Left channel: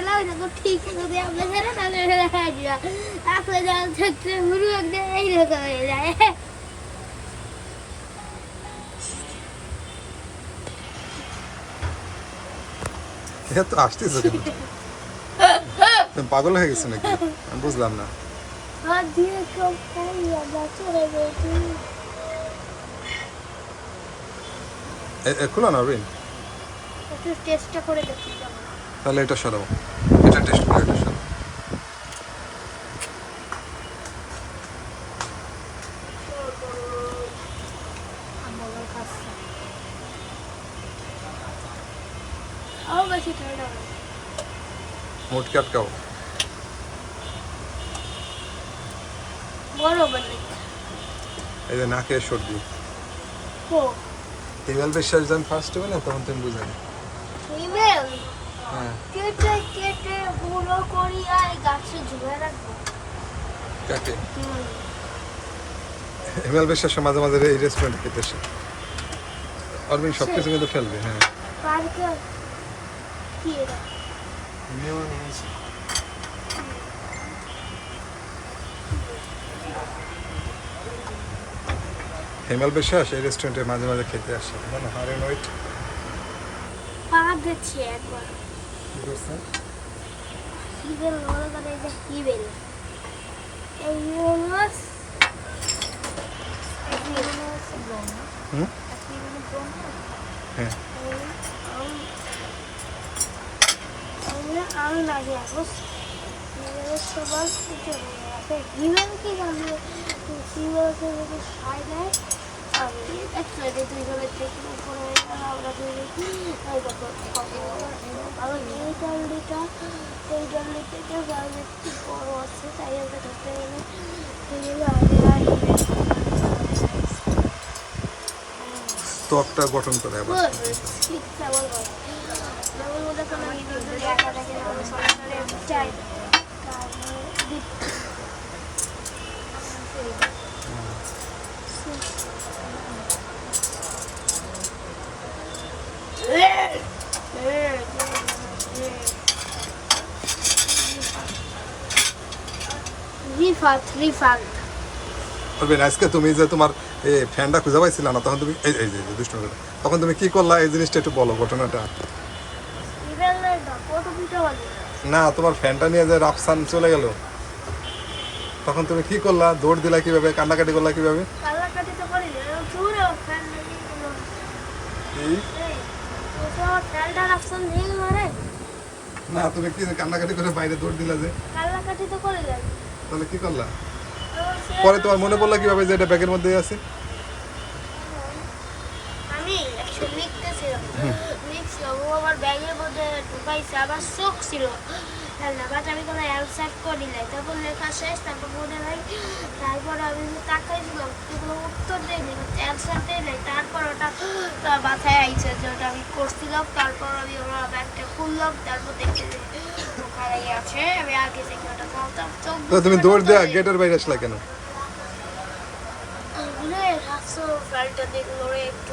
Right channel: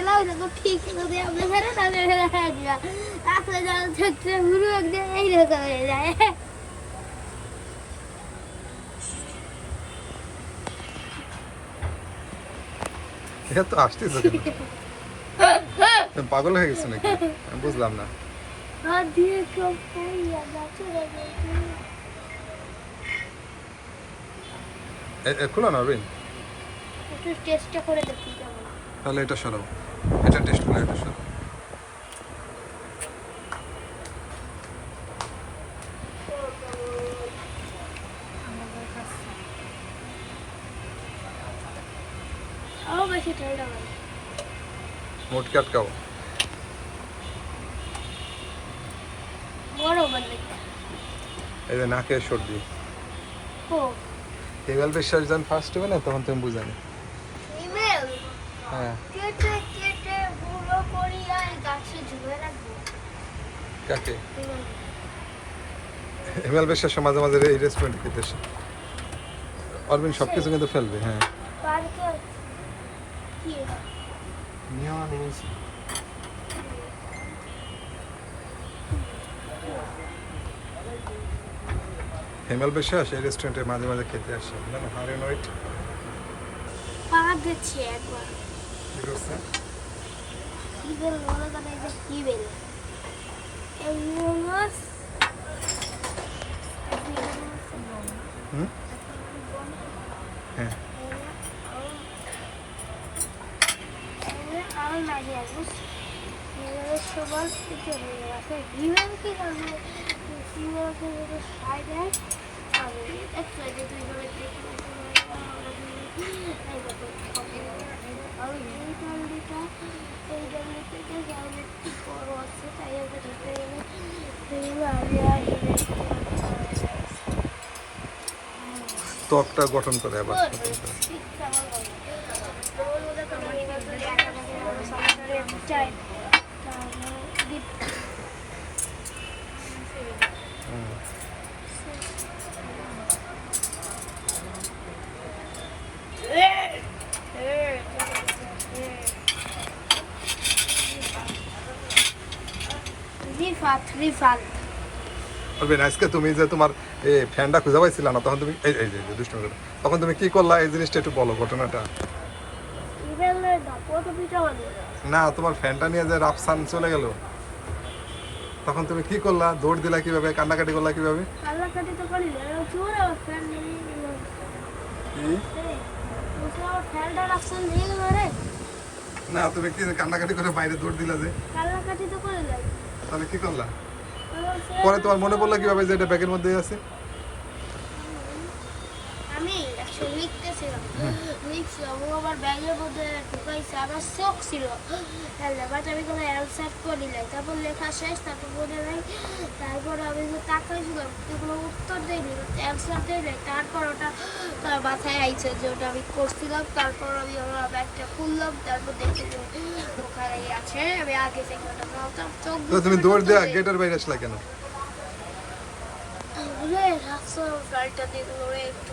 গেলাম দেখো ঠিক যদি আপনি ফেরে তাহলে ফেরে হয়ে দিবা তারপরে জল থাকতে ঘুরু একদিন এইরকম হয়ে যায় এটা তো আসতেছো কেন? তুমি পাগল হয়ে গেছো নাকি? আমি বুঝলাম না। হাত দিয়ে সব খাইয়া বাচ্চারা বেশি খোলা না রিন, একটু টেস্টটা করে দেখি কেমন তাহলে এটা সরাও, এটা টেস্ট করে এটা সরাও। আরো বেশি ঠান্ডা হয় মোটকে আটকাও। বড় বানাই এই যে নাকে সর্দি, ও হিমেল বিশ্বাস যখন ফার্স্ট হবে না তখন তুমি বুঝানি। ইমেল হ্যাঁ, কেটে কেটে গুঁড়ো করি আর গাছে ঝুলে রাখবো কাকে? হিমেল বিশ্বাস মাঝে মাঝে এই রেস্টুরেন্টে খেতে আসে। অরবিন সব কিছু কিন্তু ফেলবে। হ্যাঁ, পার্কে কি এটা হিমেল বিশ্বাস এই রেস্টুরেন্টে মাঝে মাঝে খেতে আসে না হারেন ওয়েট। পা গেছে একবার কি করছে? কি বেল বলে কথা এটা কি বেল এই মোমোস হুম, হ্যাঁ, আমি না দিয়ে আসবো সবার আছে হিমেল কি জানে হিমেলকে যদি সাই দেয় আমি একসাথে দুই জনে দেখি আমরা দুই এই দেখো আর এই ডালডিটা এই ডালডি থেকে ভালো একটু বড় আছে তাই আমরা ধরতে গেলে সেগুলো আগে আর ত্বকটা গঠন করে আবার। ঠিক তেমন হয় যেমন ওদের কোনো নিরন্তর একা থাকে আমরা সরাসরি চাই তারপরে রিফাত রিফাত অরবিন আজকে তুমি যে তোমার এই ফ্যানটা খুঁজে পাইছিল না তখন তুমি এই এই যে দুষ্ট করে তখন তুমি কি করলা এই জিনিসটা একটু বলো ঘটনাটা। ইভেলের কত পিঠা বলে না, তোমার ফ্যানটা নিয়ে যে রাফসান চলে গেল তখন তুমি কি করলা? দৌড় দিলা কিভাবে? কান্নাকাটি করলা কিভাবে? কালাকাটি তো করি না পুরো ফ্যান কি তো ফ্যানটা রাখছেন দিয়ে মারে না, তুমি কি কান্নাকাটি করে বাইরে দৌড় দিলা যে? কালাকাটি তো করে দেন তাহলে কি করলা? পরে তোমার মনে পড়লো কিভাবে যে এটা ব্যাগের মধ্যে আছে? আমি একটু লিখতেছিলাম লিখছিলাম ও আবার ব্যাগের মধ্যে ঢুকাইছে আবার চোখ ছিল বাট আমি কোনো অ্যান্সার করি নাই তারপর লেখা শেষ তারপর মনে হয় তারপর আমি যে তাকাইছিলাম কোনো উত্তর দেয়নি অ্যান্সার দেয় নাই তারপর ওটা তার মাথায় আইছে যে ওটা আমি করছিলাম তারপর আমি আমার ব্যাগটা খুললাম তারপর দেখতে যে ওখানে আছে আমি আগে থেকে ওটা বলতাম চোখ তো তুমি দৌড় দেয়া গেটের বাইরে আসলা কেন? বুঝলে হাসো ফ্লাইটটা দেখলো একটু